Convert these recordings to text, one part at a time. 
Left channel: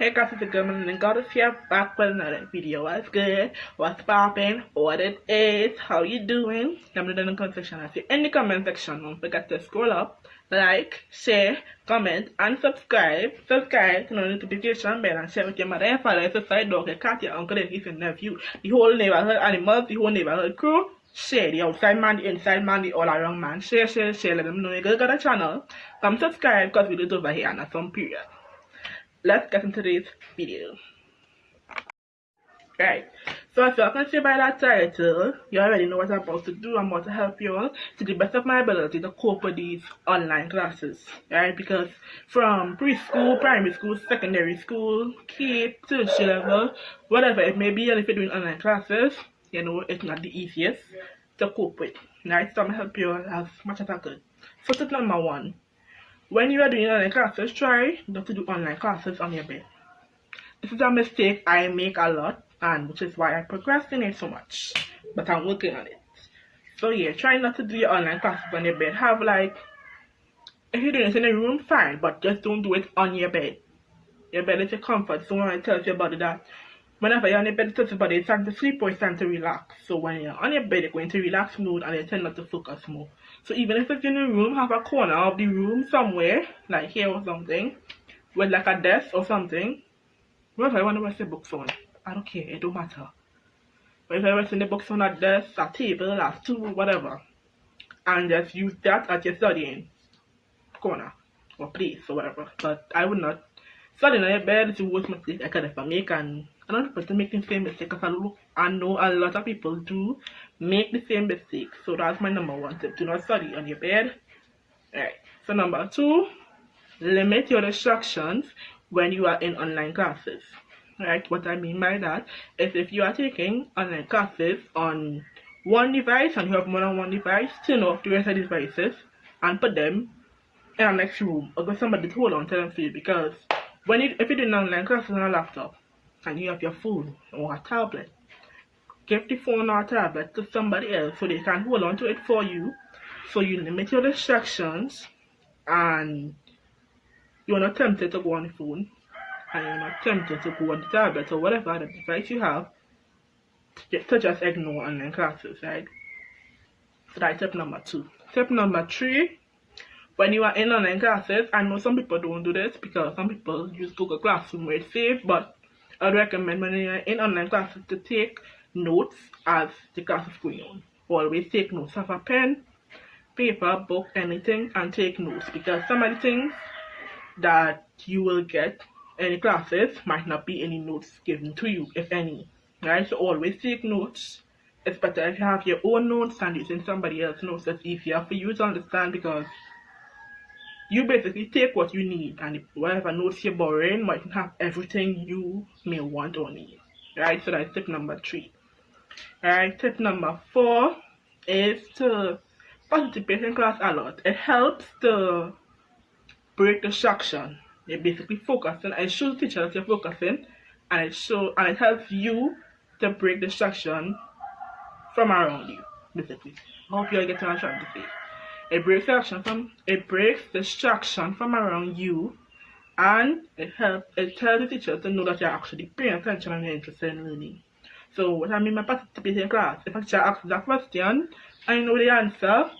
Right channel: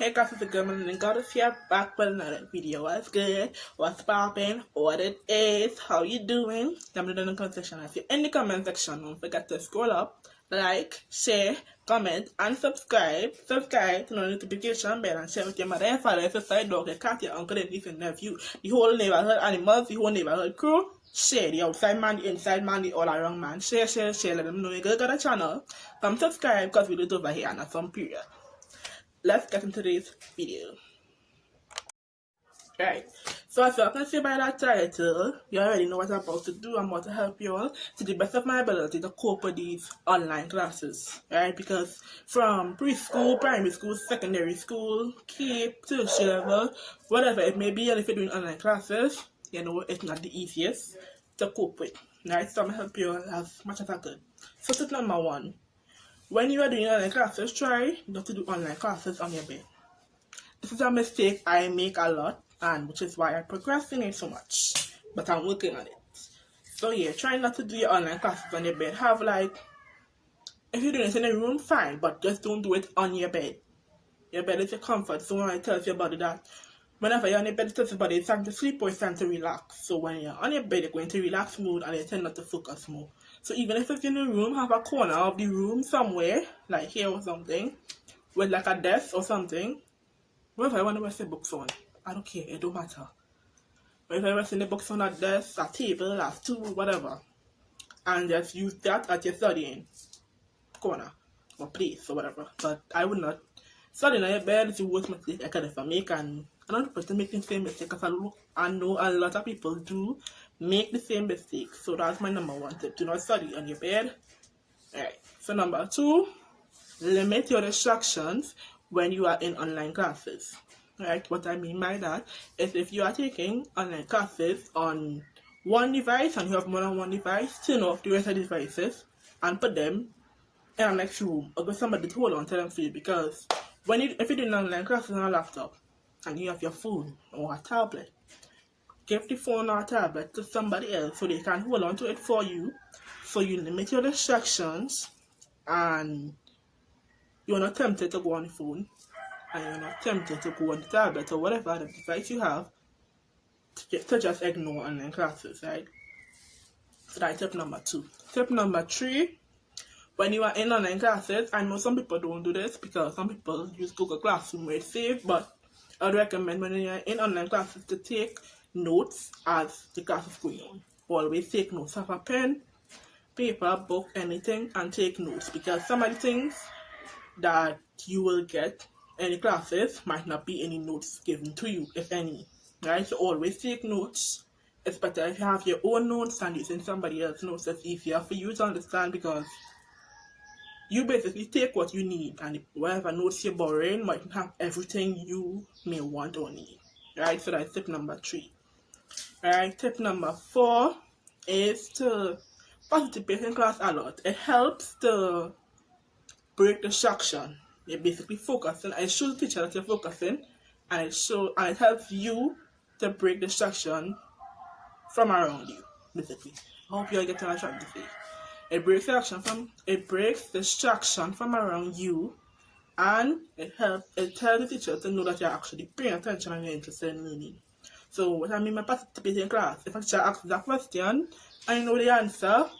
Hey guys, it's the girl Melanin Godess here, back with another video. What's good? What's poppin'? What it is? How you doing? Let me know in the comment section. If you're in the comment section, don't forget to scroll up, like, share, comment, and subscribe. Subscribe to the notification bell and share with your mother and father, sister, dog, your cat, your uncle, and niece and nephew, the whole neighborhood animals, the whole neighborhood crew. Share the outside man, the inside man, the all around man. Share, let them know you got a channel. Come subscribe because we do it over here and some period. Let's get into today's video. Right, so as you can see by that title, you already know what I'm about to do. I'm about to help you all to the best of my ability to cope with these online classes, right? Because from preschool, primary school, secondary school, K, tertiary level, whatever it may be, and if you're doing online classes, you know, it's not the easiest to cope with, right? So I'm going to help you as much as I could. So tip number one. When you are doing online classes, try not to do online classes on your bed. This is a mistake I make a lot, and which is why I procrastinate so much. But I'm working on it. So yeah, try not to do your online classes on your bed. Have like, if you're doing it in a room, fine, but just don't do it on your bed. Your bed is your comfort zone, and it tells your body that whenever you're on your bed, it tells your body it's time to sleep or it's time to relax. So when you're on your bed, you're going to relax mode and you tend not to focus more. So even if it's in a room, have a corner of the room somewhere, like here or something, with like a desk or something. Wherever I want to rest the books on, I don't care, it don't matter. But if I rest in the books on a desk, a table, a stool, whatever, and just use that at your studying corner or place or whatever. But I would not. Studying on your bed is the worst mistake I could ever make, and I'm not supposed to make the same mistake because I know a lot of people do make the same mistake. So that's my number one tip. Do not study on your bed. Alright. So number two, limit your distractions when you are in online classes. Right? What I mean by that is if you are taking online classes on one device and you have more than one device, turn off the rest of the devices and put them in the next room or get somebody to hold on to them for you, because if you're doing online classes on a laptop and you have your phone or a tablet, give the phone or tablet to somebody else so they can hold on to it for you, so you limit your distractions and you're not tempted to go on the phone and you're not tempted to go on the tablet or whatever other device you have to just ignore online classes, right? So that's tip number two. Tip number three, when you are in online classes, I know some people don't do this because some people use Google Classroom where it's safe, but I'd recommend when you are in online classes to take notes as the class is going on. Always take notes. Have a pen, paper, book, anything, and take notes, because some of the things that you will get in the classes might not be any notes given to you, if any, right? So always take notes. It's better if you have your own notes and using somebody else's notes. It's easier for you to understand because you basically take what you need, and whatever notes you're borrowing might have everything you may want or need, right? So that's tip number three. Alright, tip number four is to participate in class a lot. It helps to break distraction. You're basically focusing, and it shows the teacher that you're focusing, and it helps you to break distraction from around you, basically. I hope you all get what I'm trying to say. It breaks distraction from around you, and it tells the teacher to know that you're actually paying attention and you're interested in learning. So what I mean by participating in class, if a teacher asks a question and you know the answer,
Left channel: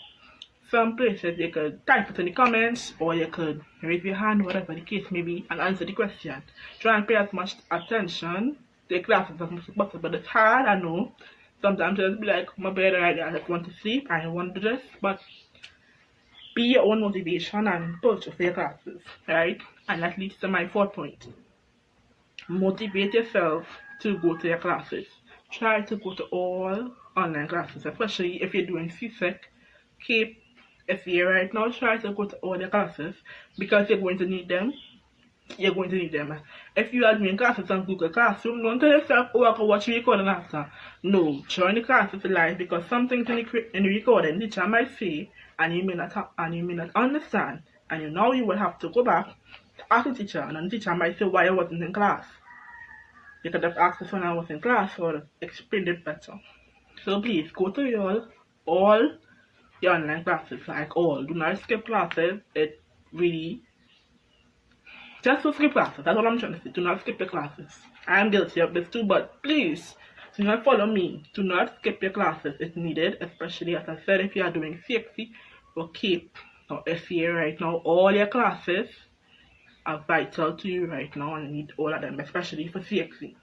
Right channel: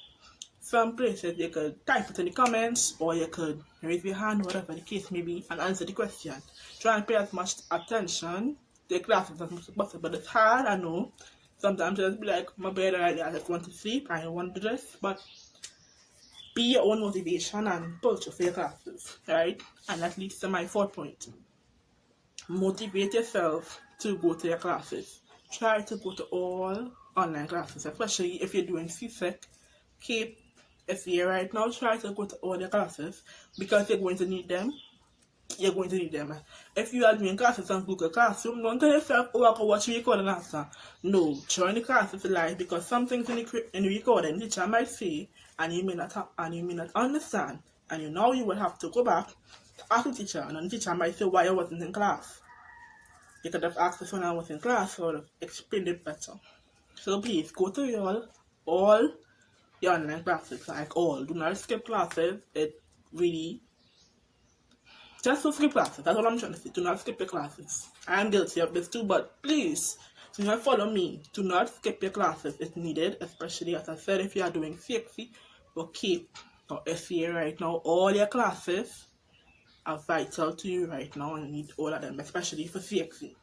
some places you could type it in the comments or you could raise your hand, whatever the case may be, and answer the question. Try and pay as much attention to the classes as much as possible. It's hard, I know. Sometimes it'll be like, my bed already, I just want to sleep, I don't want to do this, but be your own motivation and push for your classes, right? And that leads to my fourth point. Motivate yourself to go to your classes. Try to go to all online classes, especially if you're doing C.I.K.T.O.K, F.A.C.E.B.O.O.K right now. Try to go to all the classes because you're going to need them. You're going to need them. If you are doing classes on Google Classroom, don't tell yourself, oh, I can watch the recording after. No, join the classes live, because some things in the recording the teacher might say and you may not understand, and now you will have to go back to ask the teacher, and the teacher might say why I wasn't in class. You could have asked us when I was in class or explained it better. So please go to all your online classes, like all. Do not skip classes. It really Just to skip classes. That's what I'm trying to say. Do not skip your classes. I am guilty of this too, but please do not follow me. Do not skip your classes. It's needed, especially as I said, if you are doing C.X.C. or K.T.O.K or F.A.C.E.B.O.O.K right now. All your classes are vital to you right now and you need all of them, especially for C.X.C.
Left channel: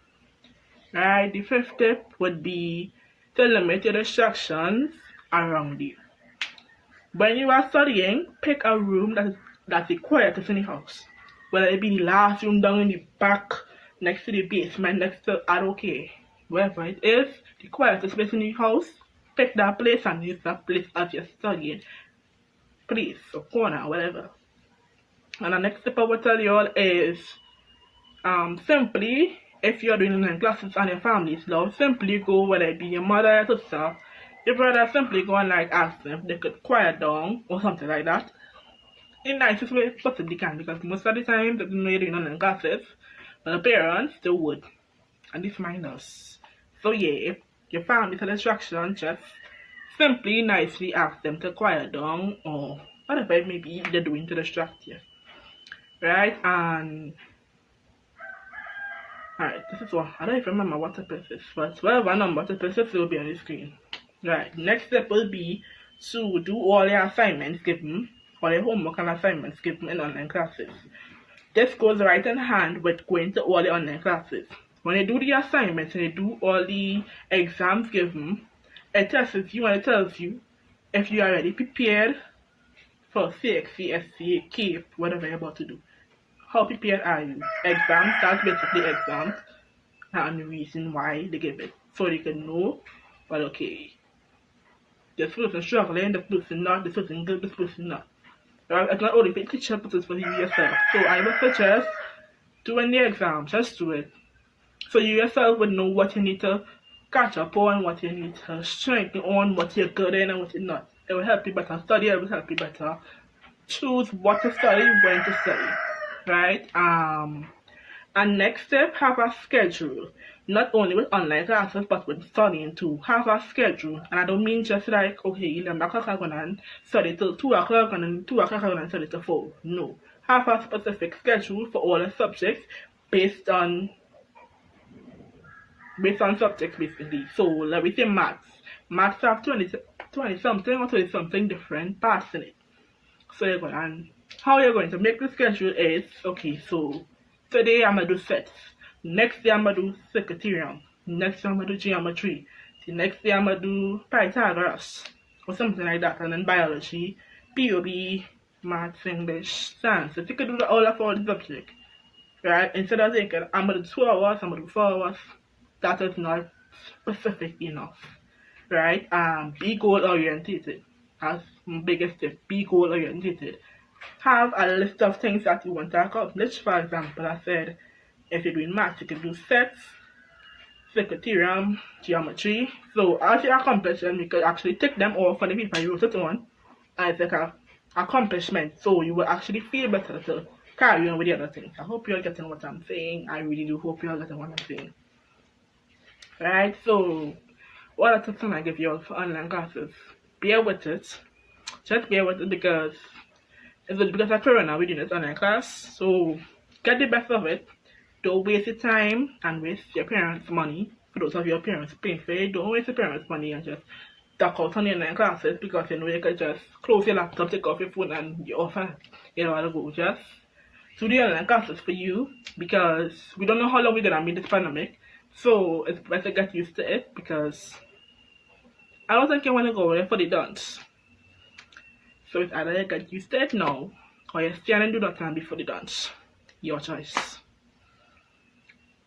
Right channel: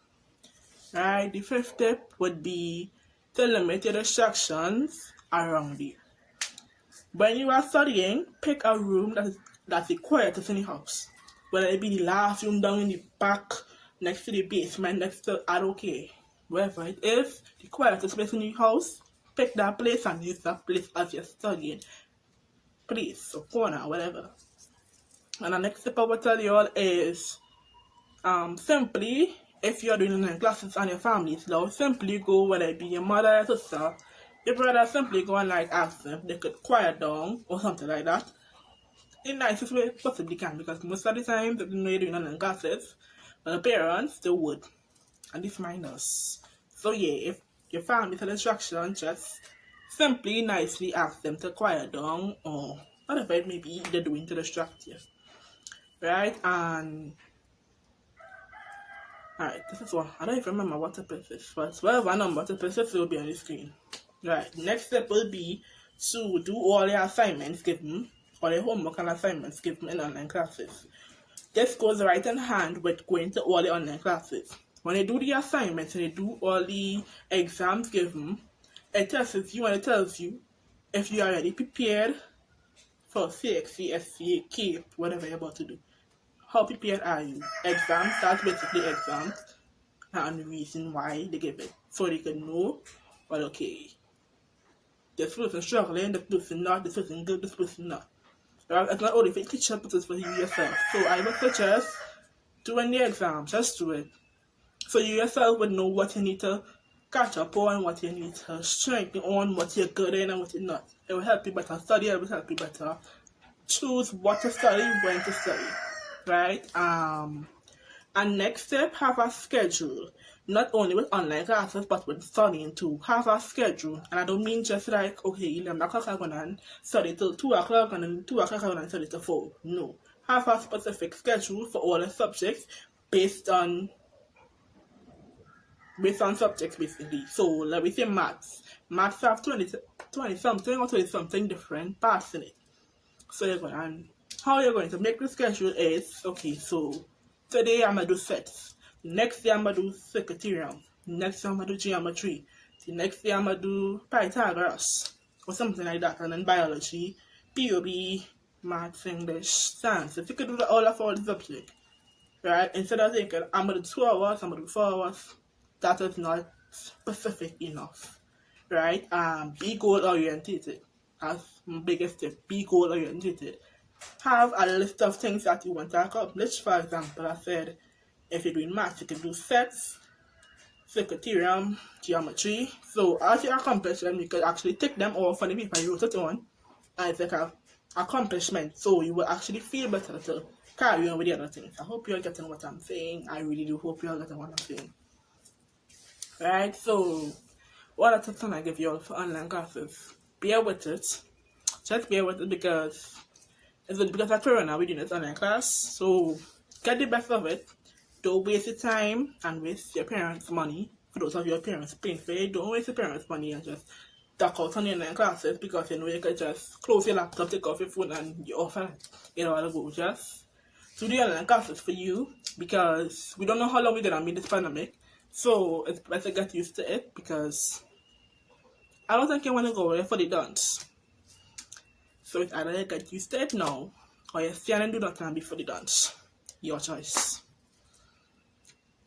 Right? The fifth step would be to limit your distractions around you. When you are studying, pick a room that's the quietest in the house. Whether it be the last room down in the back, next to the basement, next to I don't care. Wherever it is, the quietest place in the house, pick that place and use that place as you're studying. Place or corner, whatever. And the next step I will tell you all is simply, if you're doing online classes and your family is loud, simply go, whether it be your mother, your sister, your brother, simply go and like ask them if they could quiet down or something like that. In nicest way possibly can, because most of the time they don't know you're doing online classes, but the parents they would, and this mind us. So yeah, if your family is a distraction, just simply nicely ask them to quiet down or whatever it may be they're doing to distract you. Right? And alright, this is one. I don't even remember what step is this, but whatever number step is, it will be on the screen. Right, next step will be to do all your assignments given, or your homework and assignments given in online classes. This goes right in hand with going to all the online classes. When you do the assignments and you do all the exams given, it tests you and it tells you if you are already prepared for C.X.C., F.A.C.E.B.O.K, K.T.O.K, whatever you're about to do. How prepared are you? Exams, that's basically exams, and the reason why they give it. So they can know, well, okay, this person struggling, this person not, this person good, this person not. Right? It's not only for the teacher, but it's for you yourself. So I would suggest doing the exam, just do it. So you yourself would know what you need to catch up on, what you need to strengthen on, what you're good in and what you're not. It will help you better study, it will help you better choose what to study, when to study. Right? And next step, have a schedule. Not only with online classes, but with studying too. Have a schedule. And I don't mean just like, okay, 11 o'clock I'm going to study till 2 o'clock and then 2 o'clock I'm going to study till 4. No. Have a specific schedule for all the subjects based on subjects basically. So let me say maths. Maths have 20 something or 20 something different parts in it. So you're going, and how you're going to make the schedule is, okay, so today I'm going to do sets. Next day I'm going to do T.I.K.T.O.K. Next day I'm going to do geometry. The next day I'm going to do Pythagoras or something like that. And then biology, POB, maths, English, science. If you could do all the subjects, right? Instead of thinking I'm going to do 2 hours, I'm going to do 4 hours, that is not specific enough, right? Be goal orientated. That's my biggest tip. Be goal orientated. Have a list of things that you want to accomplish. For example, I said if you're doing maths, you can do sets, T.I.K.T.O.K, geometry. So as you accomplish them, you could actually take them off on the paper you wrote it on as like an accomplishment. So you will actually feel better to carry on with the other things. I hope you're getting what I'm saying. I really do hope you're getting what I'm saying. Right, so what are the tips I give you all for online classes? Bear with it. Just bear with it because it's because of Corona we're doing this online class. So get the best of it. Don't waste your time and waste your parents' money. For those of your parents paying for it, don't waste your parents' money and just duck out on your online classes because you know you could just close your laptop, take off your phone and you're off and you know how to go. Just do the online classes for you because we don't know how long we're gonna be this pandemic. So it's better get used to it because I was thinking when I go there for the dance. So it's either you get used to it now or you stay and do that time before the dance. Your choice.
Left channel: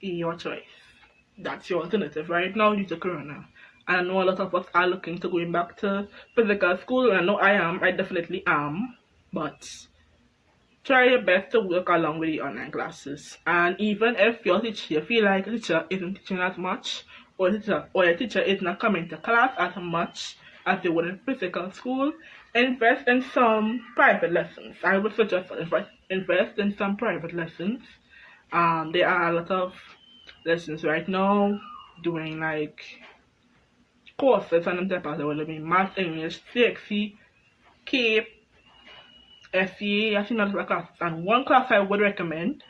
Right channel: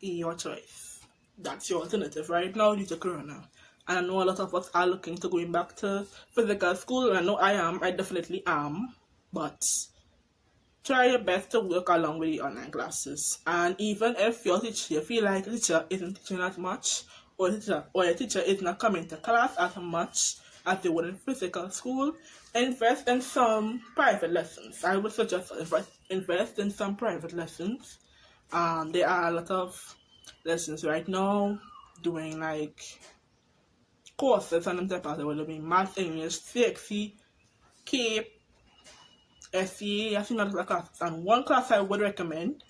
Your choice. That's your alternative right now due to Corona. I know a lot of us are looking to going back to physical school, and I know I am. I definitely am. But try your best to work along with the online classes. And even if your teacher, you feel like the teacher isn't teaching as much, or your teacher is not coming to class as much as they would in physical school, invest in some private lessons. I would suggest invest in some private lessons. There are a lot of lessons right now doing like courses and them type of will be math, English, C.X.C., K.T.O.K, F.A.C.E.B.O.O.K, I've seen other classes, and one class I would recommend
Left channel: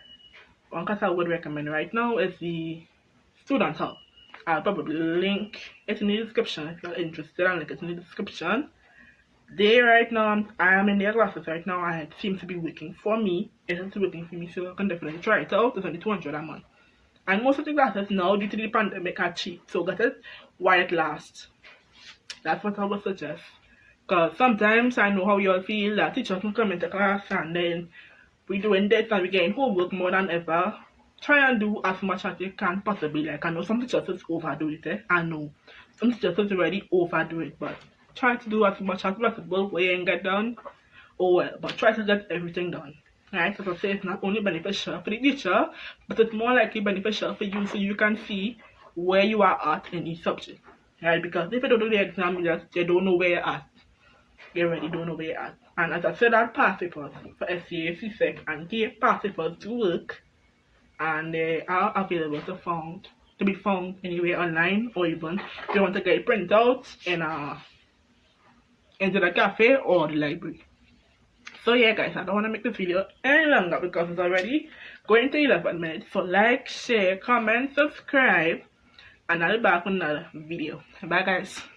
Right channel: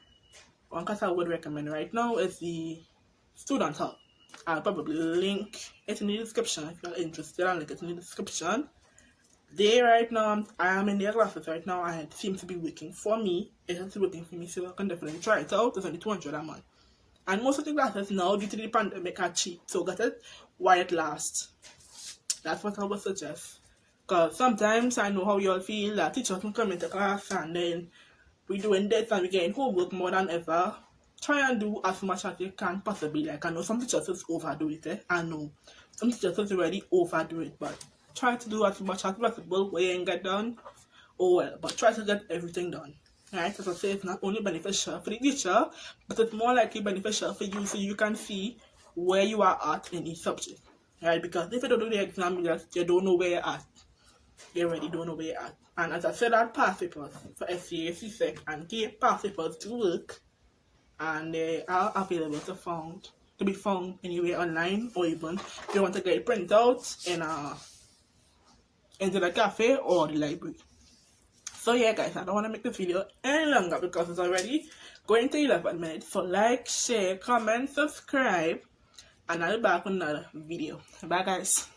right now is the Student Hub. I'll probably link it in the description if you're interested. I'll link it in the description. Right now, I am in their classes right now, and it seems to be working for me. It is working for me, so I can definitely try it out. It's only 200 a month. And most of the classes now, due to the pandemic, are cheap. So get it while it lasts. That's what I would suggest. Because sometimes I know how you all feel that teachers can come into class and then we're doing this and we're getting homework more than ever. Try and do as much as you can possibly. Like, I know some teachers just overdo it. I know some teachers just already overdo it, but try to do as much as possible where you ain't get done. Oh well, but try to get everything done. Right? As I say, it's not only beneficial for the teacher, but it's more likely beneficial for you, so you can see where you are at in each subject. Right? Because if you don't do the exam, you don't know where you're at. You really don't know where you're at. And as I said, our past papers for SCA, C.S.E.C, and G.A.L.S past papers to work, and they are available to be found anywhere online, or even if you want to get it printed out into the cafe or the library. So yeah guys, I don't want to make this video any longer because it's already going to 11 minutes. So like, share, comment, subscribe, and I'll be back on another video. Bye guys.